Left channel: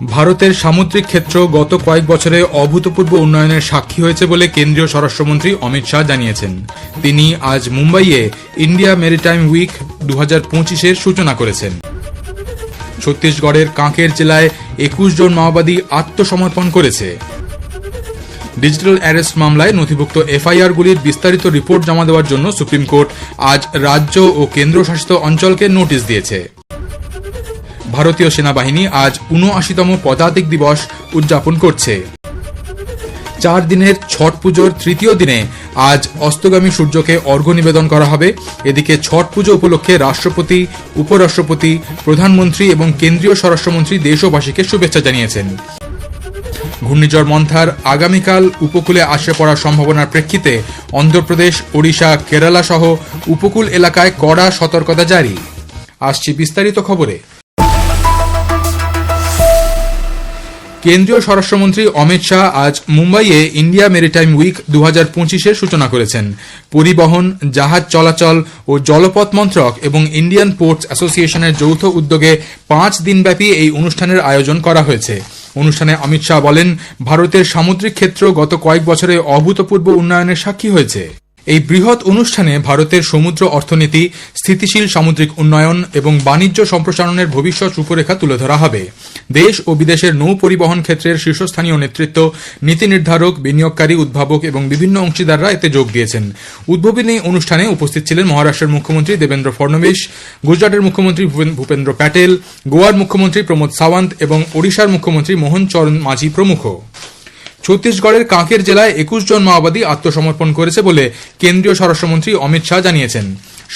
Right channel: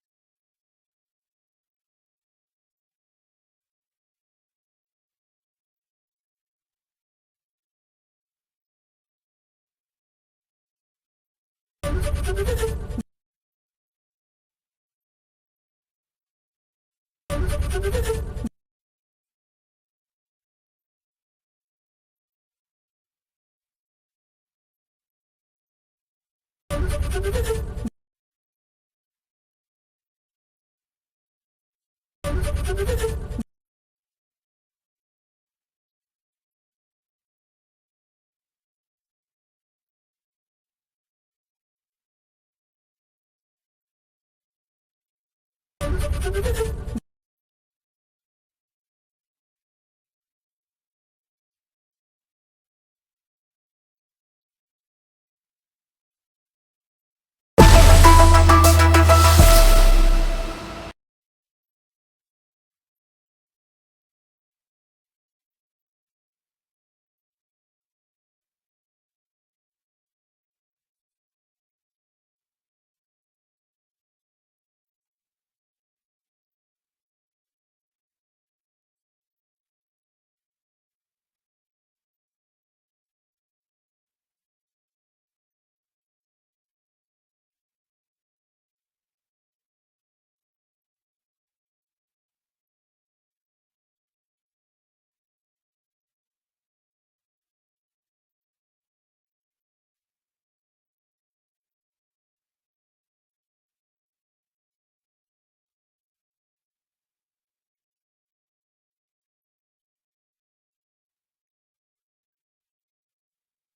ভারতের সামুদ্রিক ক্ষেত্র গত কয়েক বছরে অভূতপূর্ব উন্নয়নের সাক্ষী হয়েছে বলে কেন্দ্রীয় স্বরাষ্ট্রমন্ত্রী অমিত শাহ জানিয়েছেন। তিনি আজ মুম্বাইয়ে ইন্ডিয়া মেরিটাইম উইক দু হাজার পঁচিশের সূচনা করেছেন। ছত্তিশগড়ের কাঁকের জেলায় একুশ জন মাওবাদী আত্মসমর্পণ করেছে। ডিজিটাল অ্যারেস্ট মামলায় নথিভুক্ত এফআইআরগুলির বিস্তারিত রিপোর্ট জমা দেওয়ার জন্য সুপ্রিম কোর্ট আজ রাজ্য ও কেন্দ্রশাসিত অঞ্চলকে নোটিশ দিয়েছে। ভারতীয় সেনাবাহিনী আজ উনআশিতম পদাতিক দিবস উদযাপন করছে। চার দিনের ছট পুজোর তৃতীয় দিনে আজ অস্তগামী সূর্যকে অর্ঘ্য নিবেদন করা হবে। এদিকে ছট পুজো উপলক্ষে রাষ্ট্রপতি, উপরাষ্ট্রপতি, প্রধানমন্ত্রী এবং কেন্দ্রীয় স্বরাষ্ট্রমন্ত্রী দেশবাসীকে শুভেচ্ছা জানিয়েছেন। ঘূর্ণিঝড় মন্থার আগামীকাল উপকূলে আসে পড়ার সম্ভাবনার প্রেক্ষিতে অন্ধ্রপ্রদেশ, ওড়িশা কেরালা সহ উপকূল এলাকায় কড়া সতর্কতা জারি। আসছি বিস্তারিত খবরে। কেন্দ্রীয় স্বরাষ্ট্রমন্ত্রী অমিত শাহ আজ মুম্বাইয়ে ইন্ডিয়া মেরিটাইম উইক দু হাজার পঁচিশের সূচনা করেছেন। পরিবহন, জাহাজ চলাচল ও জলপথ মন্ত্রক এবং ইন্ডিয়ান পোর্টস অ্যাসোসিয়েশনের যৌথ উদ্যোগে পাঁচ দিনব্যাপী এই অনুষ্ঠানের আয়োজন করা হয়েছে। অনুষ্ঠানে অমিত শাহ বলেন, ভারতের সামুদ্রিক ক্ষেত্র গত কয়েক বছরে অভূতপূর্ব উন্নয়নের সাক্ষী হয়েছে। এই বৃহৎ অনুষ্ঠানে ভারতের সমুদ্র অর্থনীতি, স্থিতিশীল সামুদ্রিক উন্নয়ন এবং বাণিজ্য সম্প্রসারণের ভবিষ্যৎ রূপরেখা তুলে ধরা হবে। দেশ ও বিদেশের নৌ পরিবহন ক্ষেত্রের শীর্ষস্থানীয় নেতৃত্ব, নীতি নির্ধারক, বিনিয়োগকারী উদ্ভাবক এবং বিভিন্ন অংশীদাররা এতে যোগ দিয়েছেন। উদ্বোধনী অনুষ্ঠানে উপস্থিত ছিলেন মহারাষ্ট্রের মুখ্যমন্ত্রী দেবেন্দ্র ফডনবিস গুজরাটের মুখ্যমন্ত্রী ভূপেন্দ্র প্যাটেল, গোয়ার মুখ্যমন্ত্রী প্রমোদ সাওয়ান্ত এবং ওড়িশার মুখ্যমন্ত্রী মোহন চরণ মাঝি প্রমুখ। ছত্তিশগড়ের কাঁকের জেলায় একুশ জন মাওবাদী আত্মসমর্পণ করেছে বলে কেন্দ্রীয় স্বরাষ্ট্রমন্ত্রী অমিত শাহ জানিয়েছেন।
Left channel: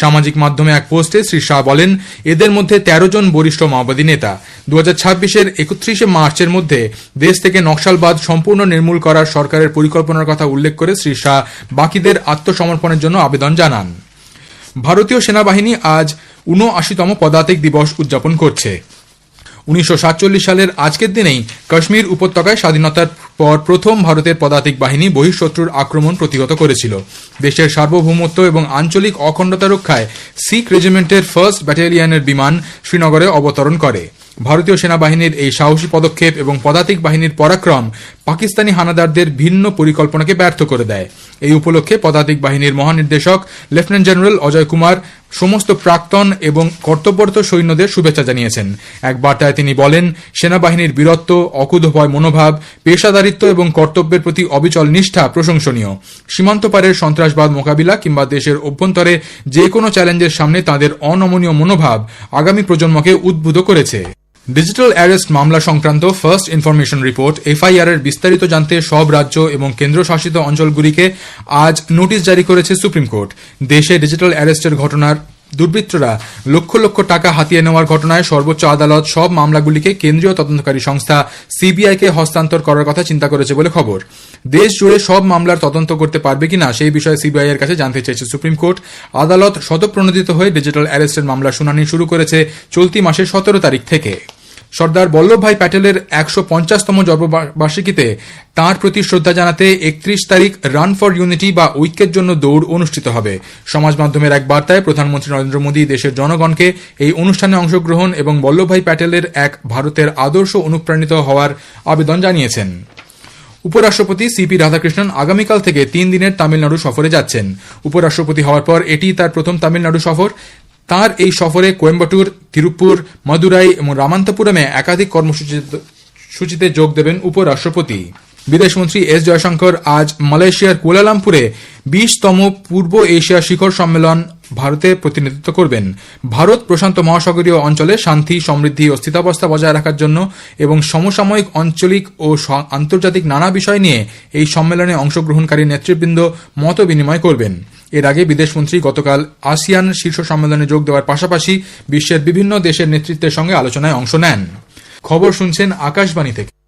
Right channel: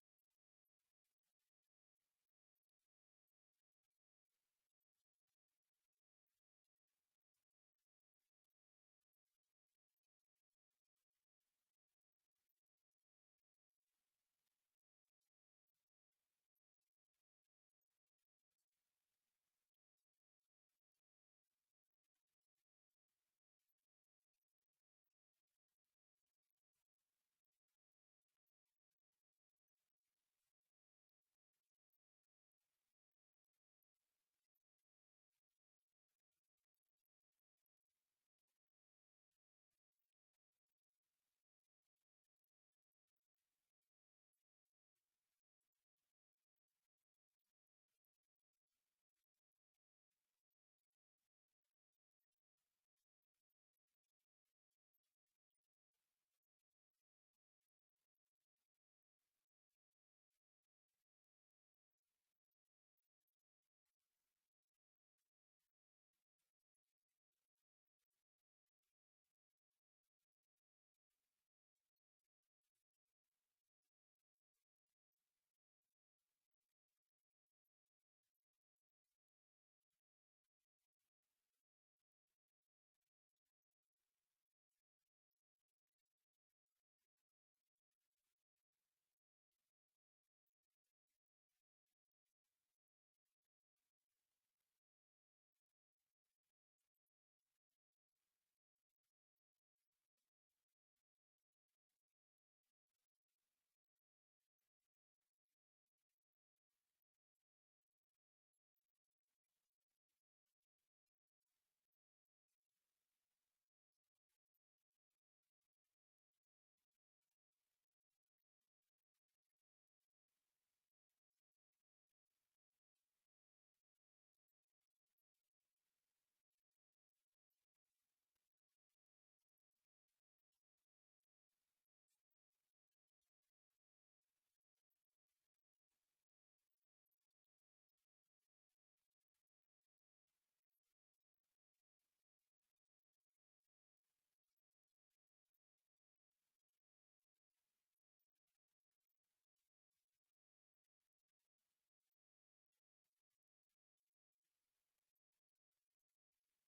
সামাজিক মাধ্যমে এক পোস্টে শ্রী শাহ বলেন, এদের মধ্যে তেরো জন বরিষ্ঠ মাওবাদী নেতা। দু হাজার ছাব্বিশের একত্রিশে মার্চের মধ্যে দেশ থেকে নকশালবাদ সম্পূর্ণ নির্মূল করার সরকারের পরিকল্পনার কথা উল্লেখ করে শ্রী শাহ বাকিদের আত্মসমর্পণের জন্য আবেদন জানান। ভারতীয় সেনাবাহিনী আজ ঊনআশিতম পদাতিক দিবস উদযাপন করছে। উনিশশো সাতচল্লিশ সালের আজকের দিনেই কাশ্মীর উপত্যকায় স্বাধীনতার পর প্রথম ভারতের পদাতিক বাহিনী বহিঃশত্রুর আক্রমণ প্রতিহত করেছিল। দেশের সার্বভৌমত্ব এবং আঞ্চলিক অখণ্ডতা রক্ষায় শিখ রেজিমেন্টের ফার্স্ট ব্যাটালিয়নের বিমান শ্রীনগরে অবতরণ করে। ভারতীয় সেনাবাহিনীর এই সাহসী পদক্ষেপ এবং পদাতিক বাহিনীর পরাক্রম পাকিস্তানি হানাদারদের ভিন্ন পরিকল্পনাকে ব্যর্থ করে দেয়। এই উপলক্ষে পদাতিক বাহিনীর মহানির্দেশক, লেফটেন্যান্ট জেনারেল অজয় কুমার সমস্ত প্রাক্তন এবং কর্তব্যরত সৈন্যদের শুভেচ্ছা জানিয়েছেন। এক বার্তায় তিনি বলেন, সেনাবাহিনীর বীরত্ব, অকুতভয় মনোভাব পেশাদারিত্ব এবং কর্তব্যের প্রতি অবিচল নিষ্ঠা প্রশংসনীয়। সীমান্ত পারের সন্ত্রাসবাদ মোকাবিলা কিংবা দেশের অভ্যন্তরে যে কোনো চ্যালেঞ্জের সামনে তাদের অনমনীয় মনোভাব আগামী প্রজন্মকে উদ্বুদ্ধ করেছে। ডিজিটাল অ্যারেস্ট মামলা সংক্রান্ত ফার্স্ট ইনফরমেশন রিপোর্ট এফআইআর এর বিস্তারিত জানতে সব রাজ্য এবং কেন্দ্রশাসিত অঞ্চলগুলিকে আজ নোটিশ জারি করেছে সুপ্রিম কোর্ট। দেশে ডিজিটাল অ্যারেস্টের ঘটনার দুর্বৃত্তরা লক্ষ লক্ষ টাকা হাতিয়ে নেওয়ার ঘটনায় সর্বোচ্চ আদালত সব মামলাগুলিকে কেন্দ্রীয় তদন্তকারী সংস্থা সিবিআইকে হস্তান্তর করার কথা চিন্তা করেছে বলে খবর। দেশ জুড়ে সব মামলার তদন্ত করতে পারবে কিনা সেই বিষয়ে সিবিআই এর কাছে জানতে চেয়েছে সুপ্রিম কোর্ট। আদালত শতপ্রণোদিত হয়ে ডিজিটাল অ্যারেস্টের মামলা শুনানি শুরু করেছে চলতি মাসের সতেরো তারিখ থেকে। সর্দার বল্লভভাই প্যাটেলের একশো পঞ্চাশতম জন্মবার্ষিকীতে তাঁর প্রতি শ্রদ্ধা জানাতে একত্রিশ তারিখ রান ফর ইউনিটি বা ঐক্যের জন্য দৌড় অনুষ্ঠিত হবে। সমাজ মাধ্যমের এক বার্তায় প্রধানমন্ত্রী নরেন্দ্র মোদী দেশের জনগণকে এই অনুষ্ঠানে অংশগ্রহণ এবং বল্লভভাই প্যাটেলের এক ভারতের আদর্শ অনুপ্রাণিত হওয়ার আবেদন জানিয়েছেন। উপরাষ্ট্রপতি সিপি রাধাকৃষ্ণন আগামীকাল থেকে তিন দিনের তামিলনাড়ু সফরে যাচ্ছেন। উপরাষ্ট্রপতি হওয়ার পর এটি তার প্রথম তামিলনাড়ু সফর। তার এই সফরে কোয়েম্বাটুর তিরুপুর মাদুরাই এবং রামান্তপুরমে একাধিক কর্মসূচিতে সূচিতে যোগ দেবেন উপরাষ্ট্রপতি। বিদেশমন্ত্রী এস জয়শঙ্কর আজ মালয়েশিয়ার কুয়ালালামপুরে বিশতম পূর্ব এশিয়া শিখর সম্মেলন ভারতে প্রতিনিধিত্ব করবেন। ভারত প্রশান্ত মহাসাগরীয় অঞ্চলে শান্তি, সমৃদ্ধি ও স্থিতাবস্থা বজায় রাখার জন্য এবং সমসাময়িক, আঞ্চলিক ও আন্তর্জাতিক নানা বিষয় নিয়ে এই সম্মেলনে অংশগ্রহণকারী নেতৃবৃন্দ মত বিনিময় করবেন। এর আগে বিদেশমন্ত্রী গতকাল আসিয়ান শীর্ষ সম্মেলনে যোগ দেওয়ার পাশাপাশি বিশ্বের বিভিন্ন দেশের নেতৃত্বের সঙ্গে আলোচনায় অংশ নেন। খবর শুনছেন আকাশবাণী থেকে।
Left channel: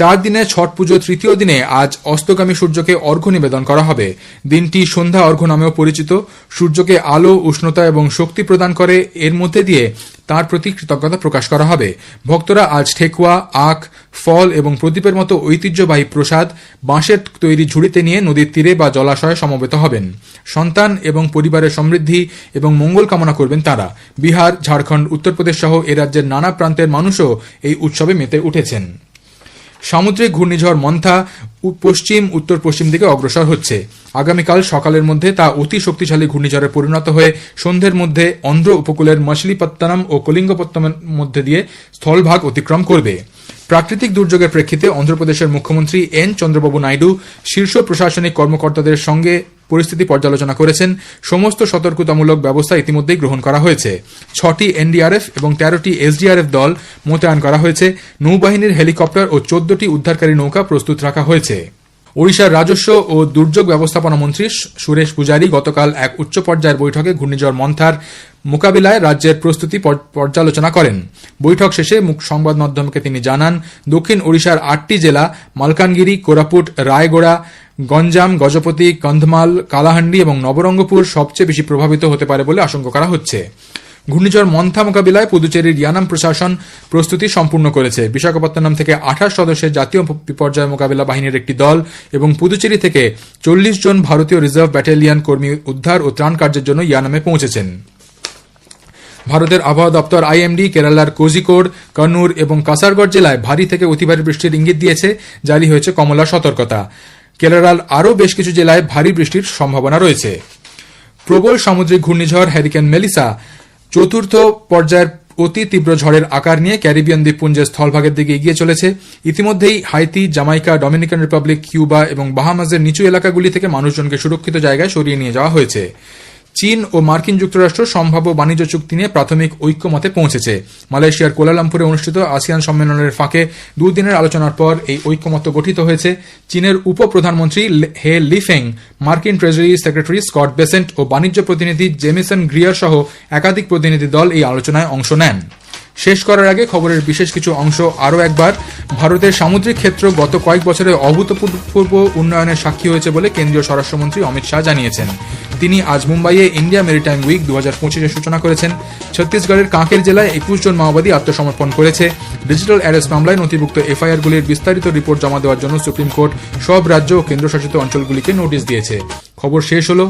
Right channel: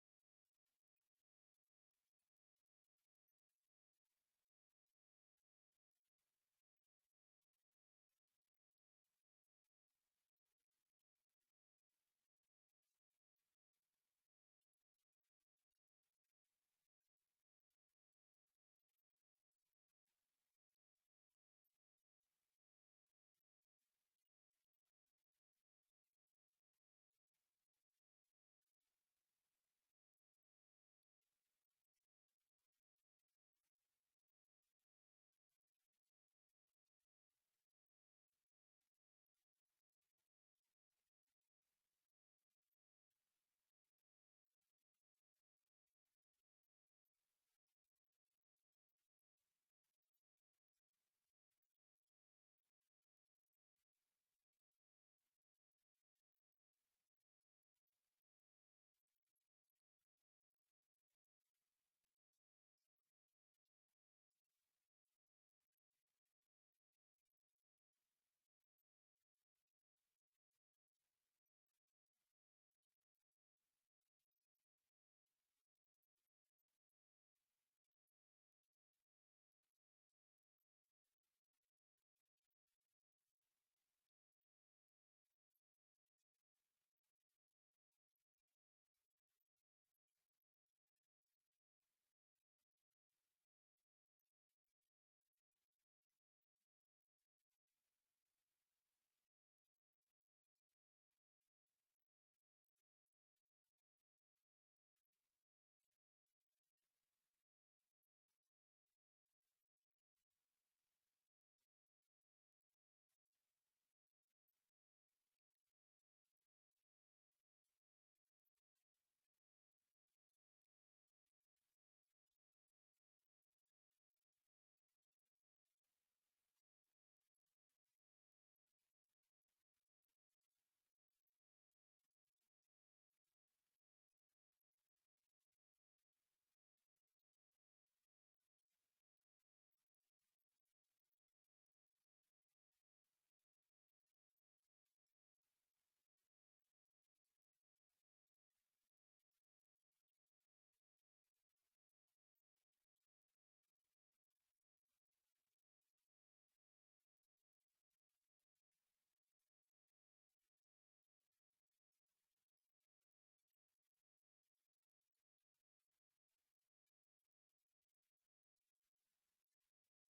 চার দিনের ছট পুজো তৃতীয় দিনে আজ অস্তগামী সূর্যকে অর্ঘ্য নিবেদন করা হবে। দিনটি সন্ধ্যা অর্ঘ্য নামেও পরিচিত। সূর্যকে আলো, উষ্ণতা এবং শক্তি প্রদান করে। এর মধ্যে দিয়ে তার প্রতি কৃতজ্ঞতা প্রকাশ করা হবে। ভক্তরা আজ ঠেকুয়া, আখ, ফল এবং প্রদীপের মতো ঐতিহ্যবাহী প্রসাদ বাঁশের তৈরি ঝুড়িতে নিয়ে নদীর তীরে বা জলাশয়ে সমবেত হবেন। সন্তান এবং পরিবারের সমৃদ্ধি এবং মঙ্গল কামনা করবেন তারা। বিহার, ঝাড়খণ্ড, উত্তরপ্রদেশ সহ এ রাজ্যের নানা প্রান্তের মানুষও এই উৎসবে মেতে উঠেছেন। সামুদ্রিক ঘূর্ণিঝড় মন্থা পশ্চিম উত্তর পশ্চিম দিকে অগ্রসর হচ্ছে। আগামীকাল সকালের মধ্যে তা অতি শক্তিশালী ঘূর্ণিঝড়ে পরিণত হয়ে সন্ধ্যের মধ্যে অন্ধ্র উপকূলের মছলিপত্তনম ও কলিঙ্গপত্তমের মধ্যে দিয়ে স্থলভাগ অতিক্রম করবে। প্রাকৃতিক দুর্যোগের প্রেক্ষিতে অন্ধ্রপ্রদেশের মুখ্যমন্ত্রী এন চন্দ্রবাবু নাইডু শীর্ষ প্রশাসনিক কর্মকর্তাদের সঙ্গে পরিস্থিতি পর্যালোচনা করেছেন। সমস্ত সতর্কতামূলক ব্যবস্থা ইতিমধ্যেই গ্রহণ করা হয়েছে। ছটি এনডিআরএফ এবং তেরোটি এসডিআরএফ দল মোতায়েন করা হয়েছে। নৌবাহিনীর হেলিকপ্টার ও চোদ্দটি উদ্ধারকারী নৌকা প্রস্তুত রাখা হয়েছে। ওড়িশার রাজস্ব ও দুর্যোগ ব্যবস্থাপনা মন্ত্রী সুরেশ পূজারি গতকাল এক উচ্চ পর্যায়ের বৈঠকে ঘূর্ণিঝড় মন্থার মোকাবিলায় রাজ্যের প্রস্তুতি পর- পর্যালোচনা করেন। বৈঠক শেষে মুখ সংবাদ মাধ্যমকে তিনি জানান, দক্ষিণ ওড়িশার আটটি জেলা, মালকানগিরি, কোরাপুট, রায়গড়া, গঞ্জাম, গজপতি, কন্ধমাল, কালাহান্ডি এবং নবরঙ্গপুর সবচেয়ে বেশি প্রভাবিত হতে পারে বলে আশঙ্কা করা হচ্ছে। ঘূর্ণিঝড় মন্থা মোকাবিলায় পুদুচেরির ইয়ানাম প্রশাসন প্রস্তুতি সম্পূর্ণ করেছে। বিশাখাপত্তনম থেকে আঠাশ সদস্যের জাতীয় বিপর্যয় মোকাবিলা বাহিনীর একটি দল এবং পুদুচেরি থেকে চল্লিশ জন ভারতীয় রিজার্ভ ব্যাটালিয়ন কর্মী উদ্ধার ও ত্রাণ কার্যের জন্য ইয়ানামে পৌঁছেছেন। ভারতের আবহাওয়া দপ্তর আইএমডি কেরালার কোজিকোড, কন্নুর এবং কাসারগড় জেলায় ভারী থেকে অতি ভারী বৃষ্টির ইঙ্গিত দিয়েছে। জারি হয়েছে কমলা সতর্কতা। কেরালার আরও বেশ কিছু জেলায় ভারী বৃষ্টির সম্ভাবনা রয়েছে। প্রবল সামুদ্রিক ঘূর্ণিঝড় হ্যারিকেন মেলিসা চতুর্থ পর্যায়ের অতি তীব্র ঝড়ের আকার নিয়ে ক্যারিবিয়ান দ্বীপপুঞ্জের স্থলভাগের দিকে এগিয়ে চলেছে। ইতিমধ্যেই Haiti, Jamaica, Dominican Republic, Cuba এবং বাহামাজের নিচু এলাকাগুলি থেকে মানুষজনকে সুরক্ষিত জায়গায় সরিয়ে নিয়ে যাওয়া হয়েছে। চীন ও মার্কিন যুক্তরাষ্ট্র সম্ভাব্য বাণিজ্য চুক্তি নিয়ে প্রাথমিক ঐক্যমতে পৌঁছেছে। মালয়েশিয়ার কোলালামপুরে অনুষ্ঠিত আসিয়ান সম্মেলনের ফাঁকে দুদিনের আলোচনার পর এই ঐক্যমত্য গঠিত হয়েছে। চীনের উপপ্রধানমন্ত্রী প্রধানমন্ত্রী হে লিফেং, মার্কিন ট্রেজারি সেক্রেটারি স্কট বেসেন্ট ও বাণিজ্য প্রতিনিধি জেমিসন গ্রিয়ার সহ একাধিক প্রতিনিধি দল এই আলোচনায় অংশ নেন। শেষ করার আগে খবরের বিশেষ কিছু অংশ আরও একবার। ভারতের সামুদ্রিক ক্ষেত্র গত কয়েক বছরে অভূতপূর্ব উন্নয়নের সাক্ষী হয়েছে বলে কেন্দ্রীয় স্বরাষ্ট্রমন্ত্রী অমিত শাহ জানিয়েছেন। তিনি আজ মুম্বাইয়ে ইন্ডিয়া মেরিটাইম উইক দু হাজার পঁচিশের সূচনা করেছেন। ছত্তিশগড়ের কাঁকের জেলায় একুশ জন মাওবাদী আত্মসমর্পণ করেছে। ডিজিটাল অ্যারেস্ট মামলায় নথিভুক্ত এফআইআরগুলির বিস্তারিত রিপোর্ট জমা দেওয়ার জন্য সুপ্রিম কোর্ট সব রাজ্য ও কেন্দ্রশাসিত অঞ্চলগুলিকে নোটিশ দিয়েছে। খবর শেষ হলো।